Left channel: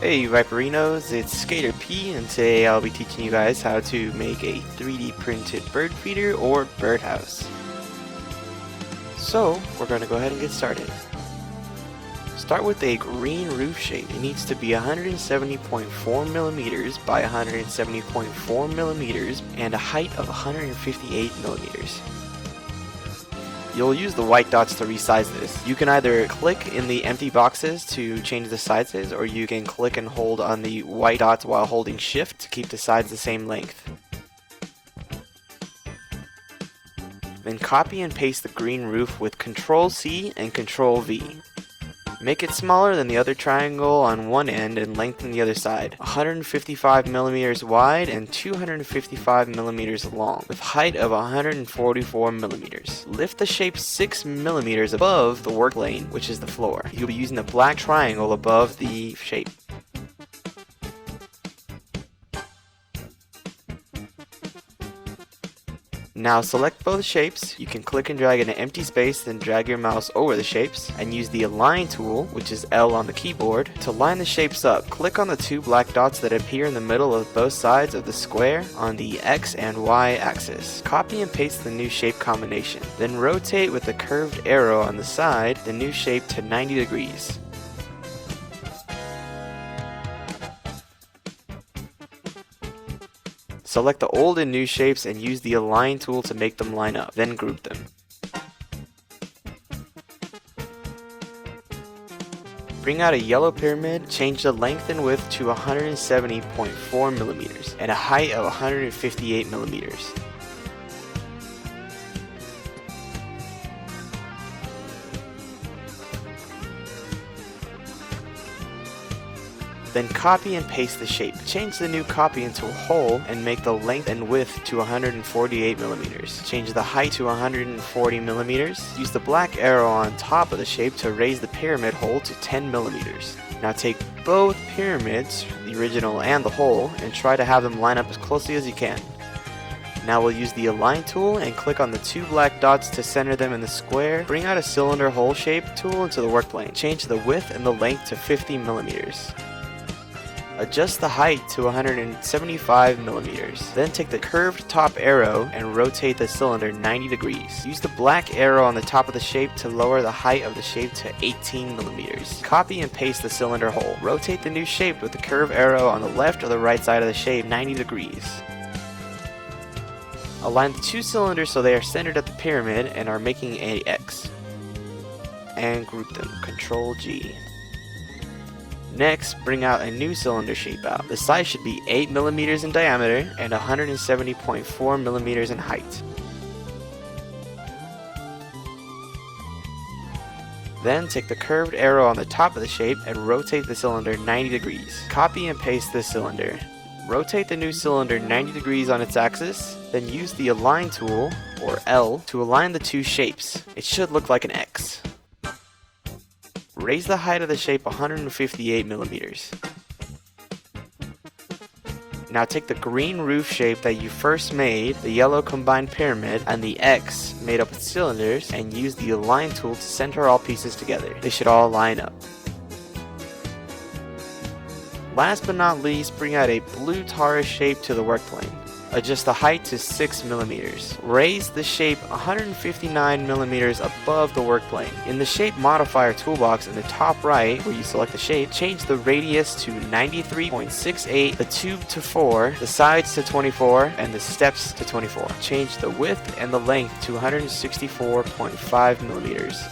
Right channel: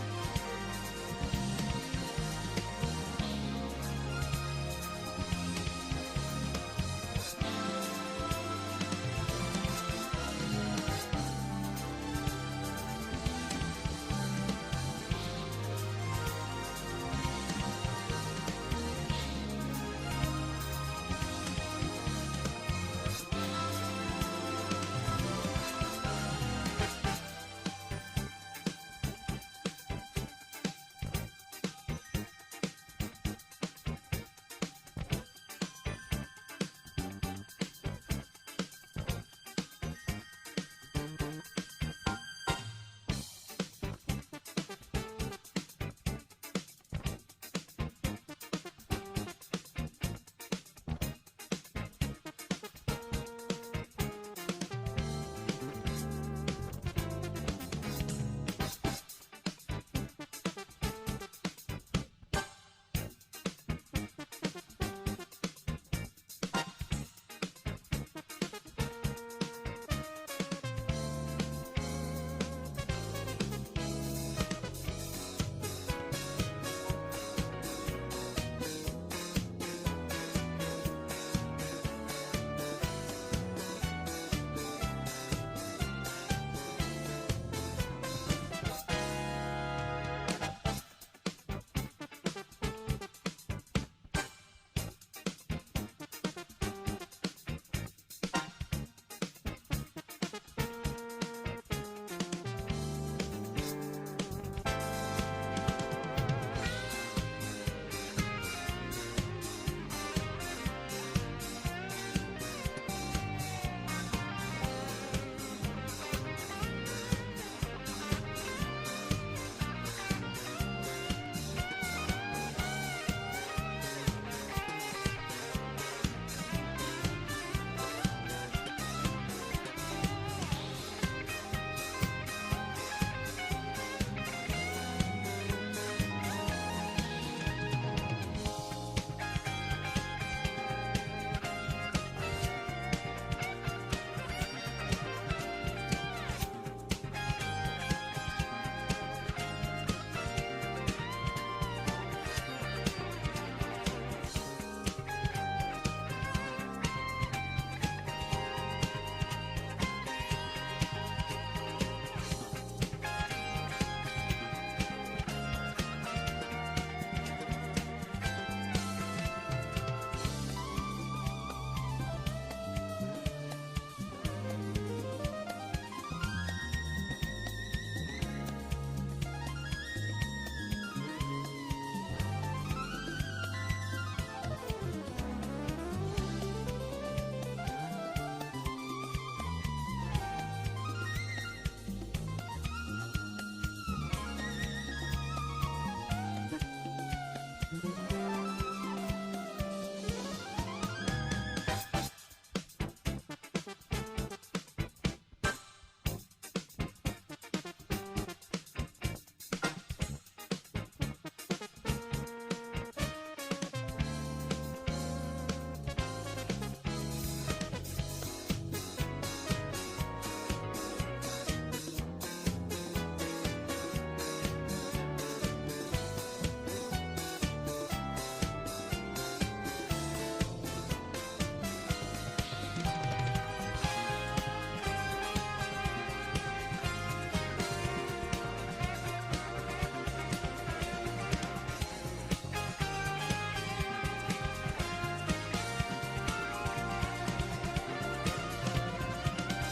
Hey Viperinos, it's Skater P, and today I'll be teaching you guys how to make a 3D printed bird feeder or birdhouse. So, we're going to go ahead and get started. Start with a green roof shape. It needs to be 170.4 millimeters by 170.4 millimeters and a height of 158 millimeters. You'll use the white dots to resize this. You can either click in the empty boxes to change the sizes, or you can click and hold on the white dots while holding shift to keep the sides the same length. Then copy and paste the green roof with Ctrl C and Ctrl V. Make it smaller than the other triangle on one end and lengthen the other side. 155 millimeters wide and 255 millimeters long, with height of 144 millimeters. Lift the shape 6 millimeters above the work plane, which is the floor. You'll be using the black triangle above the shape. Now select both shapes. You can click and drag in an empty space, then drag your mouse over the shapes, and use the Align tool, which is L on the keyboard, to line the shapes up. Click on the two black dots that appear in the middle of both sides of the square on the X and Y axis. Copy and paste the new shape combination. Then rotate with the curved arrow on the side the new shape to 90 degrees. Select the old and new shapes and use the Align tool to make them line up, then group them. Bring out a yellow pyramid, change the length and width to 170.4 millimeters and a height of 158 millimeters. Then copy and paste the shape. Change the new copy into a hole and make the length and width to 148 millimeters. Change the height to 140 millimeters. Use the black arrow on top of the shape to raise the pyramid hole to 10 millimeters. Now take both pyramids, the original and the hole, and try to have them line up as closely as you can. Now we'll use the Align tool and click on the two black dots to center them in the square. Bring out a cylinder hole shape tool into the work plane. Change the width and the length to 50 millimeters. Adjust the height to 175 millimeters. Then take the curved top arrow and rotate the cylinder 90 degrees. Use the black arrow on the top of the shape to lower the height of the shape to 18 millimeters. Copy and paste the cylinder hole. Rotate the new shape with the curved arrow on the left or the right side of the shape 90 degrees. Align the two cylinders so they are centered at the pyramid and are making an X. And group them. Ctrl G. Next, bring out a new cylinder shape out. The size should be 8 millimeters in diameter and 170.4 millimeters in height. Then take the curved arrow on the top of the shape and rotate the cylinder 90 degrees. Copy and paste this cylinder. Rotate the new cylinder 90 degrees on its axis, then use the Align tool, or L, to align the two shapes. It should look like an X. Raise the height of the shape 158 millimeters. Now take the green roof shape that you first made, the yellow combined pyramid, and the X made up with cylinders, and use the Align tool to center all pieces together. They should all line up. Last but not least, bring out a blue Taurus shape to the work plane. Adjust the height to 6 millimeters. Raise the shape 159 millimeters above the work plane. In the shape modifier toolbox in the top right, where you select the shape, change the radius to 93.68, the tube to 4, the sides to 24, and the steps to 24. Change the width and the length to 164.5 millimeters.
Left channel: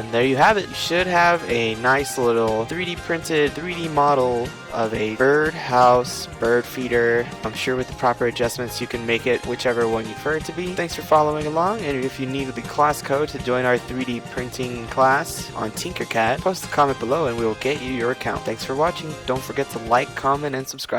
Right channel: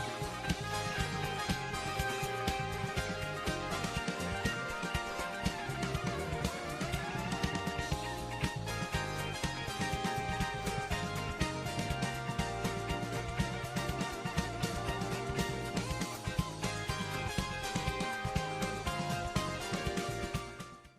And there you have it. You should have a nice little 3D printed 3D model of a bird house, bird feeder. I'm sure with the proper adjustments you can make it whichever one you prefer it to be. Thanks for following along, and if you need the class code to join our 3D printing class on TinkerCAD, post a comment below and we will get you your account. Thanks for watching. Don't forget to like, comment, and subscribe.